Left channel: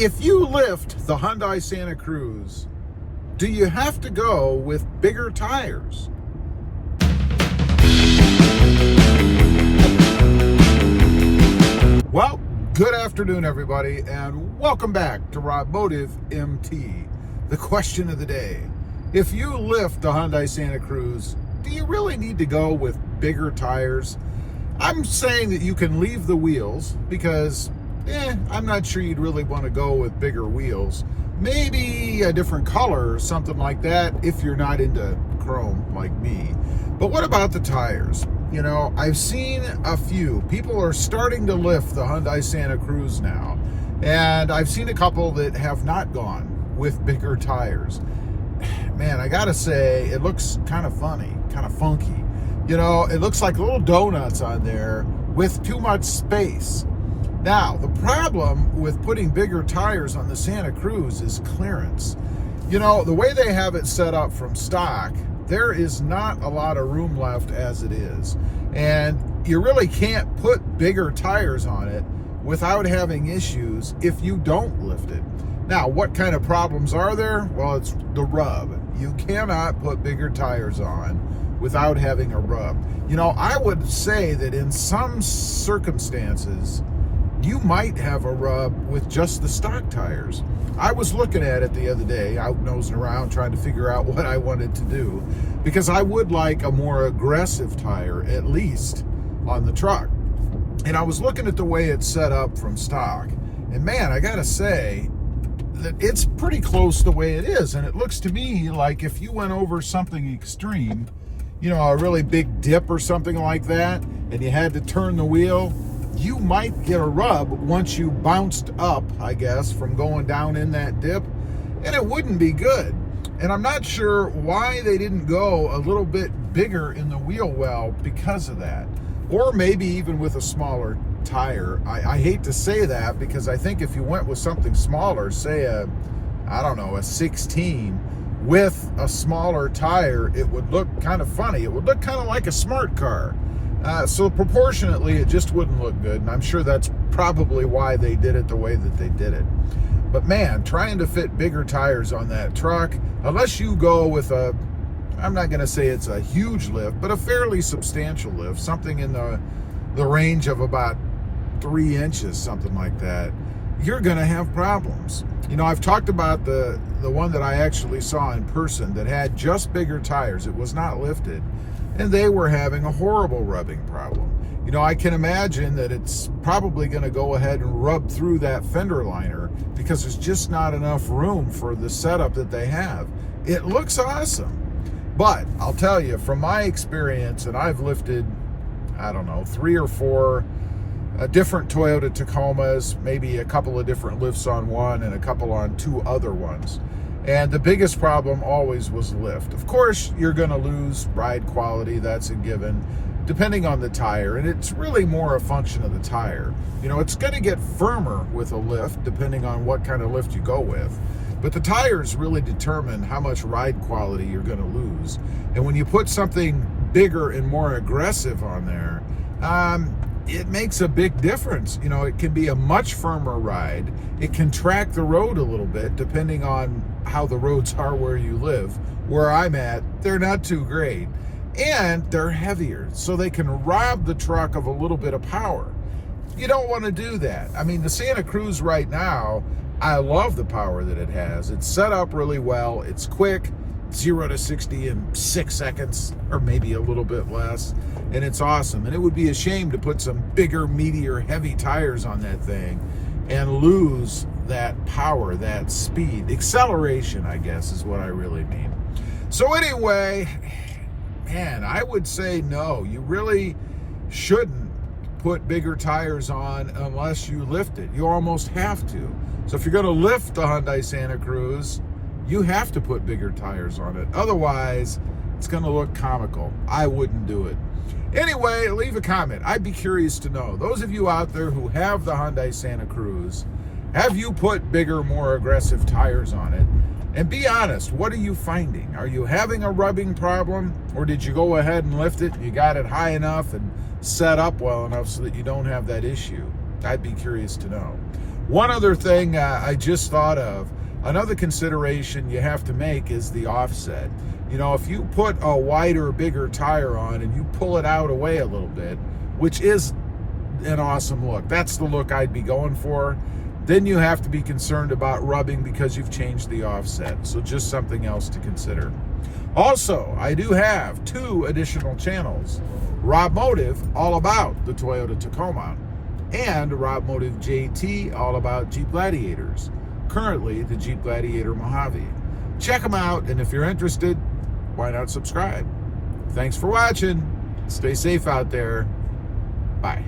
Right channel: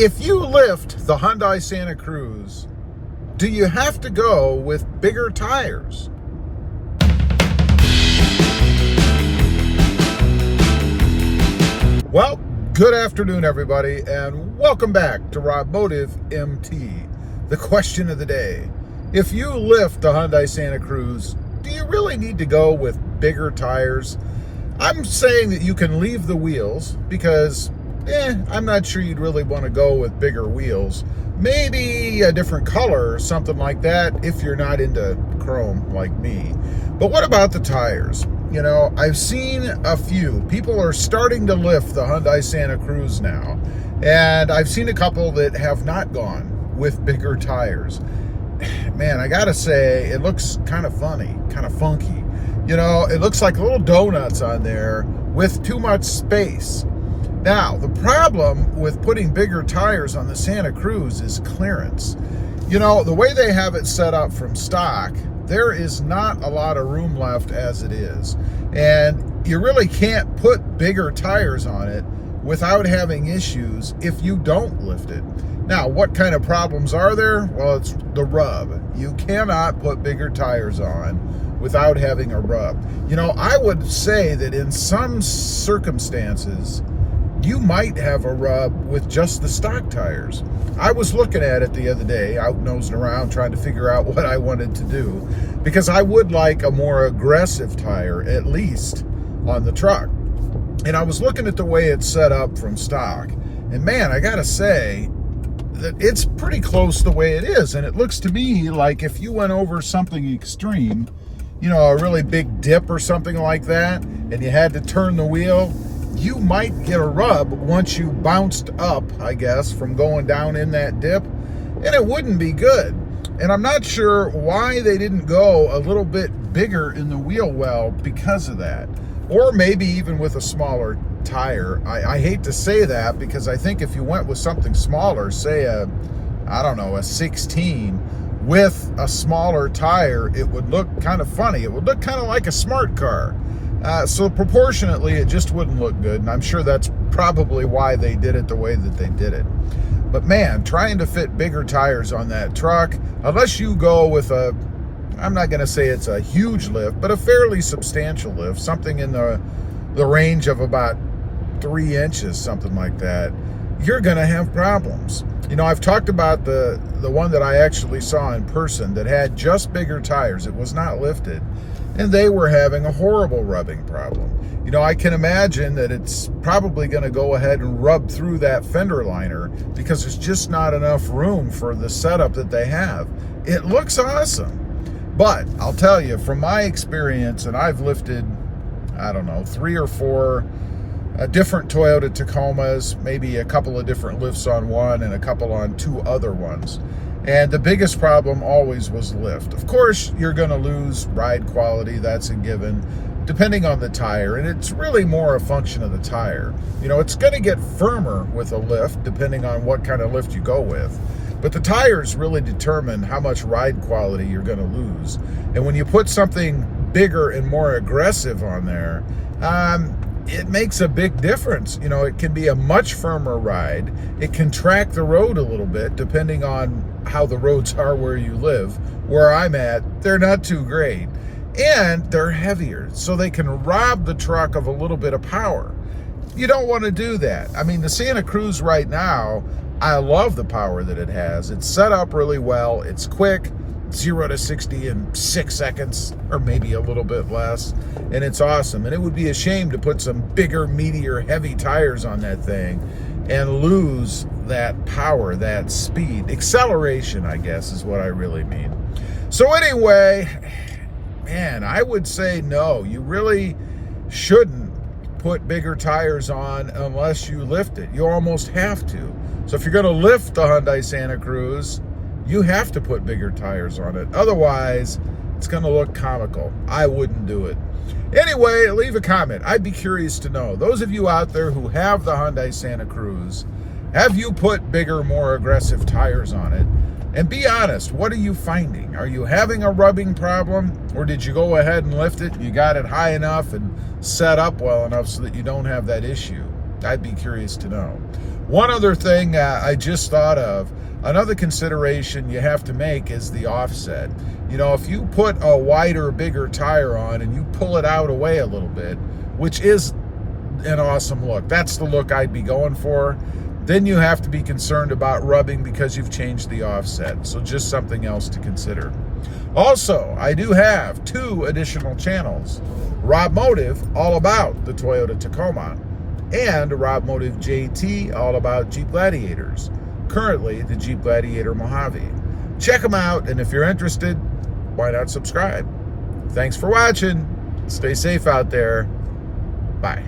If you lift the Hyundai Santa Cruz, do you have to go with bigger tires? Well, good afternoon, everybody, and welcome back to Automotive MT. The question of the day: if you lift the Hyundai Santa Cruz, do you really need to go with bigger tires? I'm saying that you can leave the wheels because I'm not sure you'd really want to go with bigger wheels. Maybe a different color or something like that if you're not into chrome like me. But what about the tires? You know, I've seen a few. People are starting to lift the Hyundai Santa Cruz now. And I've seen a couple that have not gone with bigger tires. Man, I gotta say, it looks kind of funny, kind of funky. You know, it looks like little donuts on there with too much space. Now, the problem with putting bigger tires on the Santa Cruz is clearance. You know, the way they have it set up from stock, there is not a lot of room left as it is. And you really can't put bigger tires on it without having issues if you don't lift it. Now, what kind of problems are there? Well, it's the rub. You cannot put bigger tires on without having a rub. You know, I would say that in some circumstances, you might have a rub with just the stock tires. I was looking at it the other day, out nosing around, trying to figure out what I wanted to do, because I would like a more aggressive tire, at least on the truck. And I was looking at the way it's set up from stock, and man, I gotta say that it's pretty close the way it is. And it looks to me like if you went over something extreme, you know, a really big dip or something like that, and you had to turn the wheel, you might get a rub once you bounced up, I guess, from going down in that dip, and it wouldn't be good. And I'm not sure why they didn't go a little bit bigger in the wheel well because of that. Or maybe even with a smaller tire. I hate to say that, because I think if you went with something smaller, say a 16 with a smaller tire, it would look kind of funny. It would look kind of like a smart car. So proportionately, it just wouldn't look good, and I'm sure that's probably why they did it the way that they did it. But man, trying to fit bigger tires on that truck, unless you go with I'm not going to say it's a huge lift, but a fairly substantial lift, something in the range of about 3 inches, something like that, you're going to have problems. You know, I've talked about the one that I actually saw in person that had just bigger tires. It was not lifted, and they were having a horrible rubbing problem. You know, I can imagine that it's probably going to go ahead and rub through that fender liner because there's just not enough room for the setup that they have. It looks awesome. But I'll tell you, from my experience, and I've lifted, 3 or 4 different Toyota Tacomas, maybe a couple of different lifts on one and a couple on 2 other ones. And the biggest problem always was lift. Of course, you're going to lose ride quality, that's a given, depending on the tire. And it's really more a function of the tire. You know, it's going to get firmer with a lift, depending on what kind of lift you go with. But the tires really determine how much ride quality you're going to lose. And when you put something bigger and more aggressive on there, it makes a big difference. You know, it can be a much firmer ride. It can track the road a little bit, depending on how the roads are where you live. Where I'm at, they're not too great. And they're heavier, so they can rob the truck of a little bit of power. You don't want to do that. I mean, the Santa Cruz right now, I love the power that it has. It's set up really well. It's quick, 0 to 60 in 6 seconds, or maybe a little bit less. And it's awesome. And it would be a shame to put some bigger, meatier, heavy tires on that thing and lose that power, that speed. Acceleration, I guess, is what I really mean. So anyway, man, I would say no. You really shouldn't put bigger tires on unless you lift it. You almost have to. So if you're going to lift the Hyundai Santa Cruz, you have to put bigger tires on it. Otherwise, it's going to look comical. I wouldn't do it. Anyway, leave a comment. I'd be curious to know. Those of you out there who have the Hyundai Santa Cruz, have you put bigger, more aggressive tires on it? And be honest, what are you finding? Are you having a rubbing problem? Or did you go ahead and lift it? You got it high enough and set up well enough so that you don't have that issue? I'd be curious to know. One other thing I just thought of, another consideration you have to make is the offset. You know, if you put a wider, bigger tire on and you pull it out away a little bit, which is an awesome look, that's the look I'd be going for, then you have to be concerned about rubbing because you've changed the offset. So just something else to consider. Also, I do have 2 additional channels. Rob Motive, all about the Toyota Tacoma, and Rob Motive JT, all about Jeep Gladiators. Currently, the Jeep Gladiator Mojave. Check them out, and if you're interested, why not subscribe? Thanks for watching. Stay safe out there. Bye.